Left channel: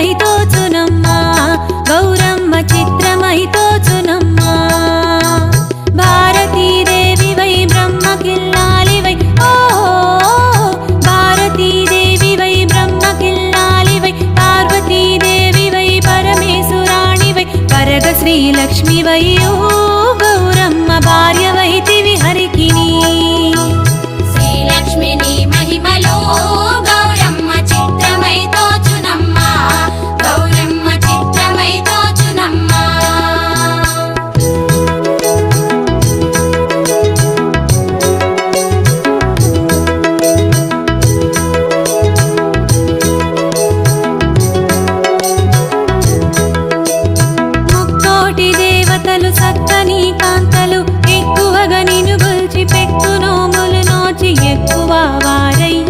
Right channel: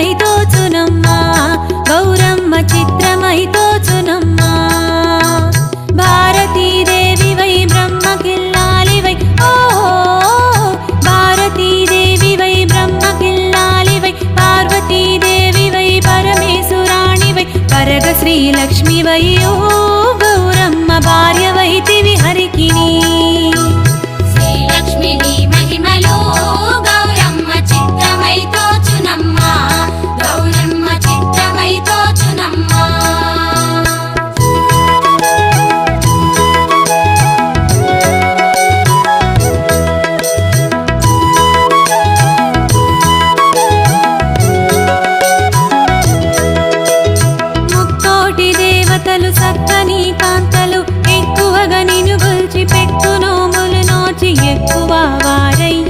భార్యవై తోచునమ్మా గౌరమ్మ చిత్రమై తోచునమ్మా భారతీదేవివై బ్రహ్మకిల్లాలివై ఓ భారతీదేవివై బ్రహ్మకిల్లాలివై పార్వతీదేవివై పరమేశ్వరాణివై పరగ శ్రీలక్ష్మివై ఓ గౌరమ్మ భార్యవైతివి హరికిని శ్రీలక్ష్మిని మహిమలో గౌరమ్మ చిత్రమై తోచునమ్మా గౌరమ్మ చిత్రమై తోచునమ్మా ముక్కోటి దేవతలు సక్కని కాంతలు ఎక్కువగా నిన్ను గొల్చి పెట్టు నోములు నోచి ఎక్కువ వారయ్యి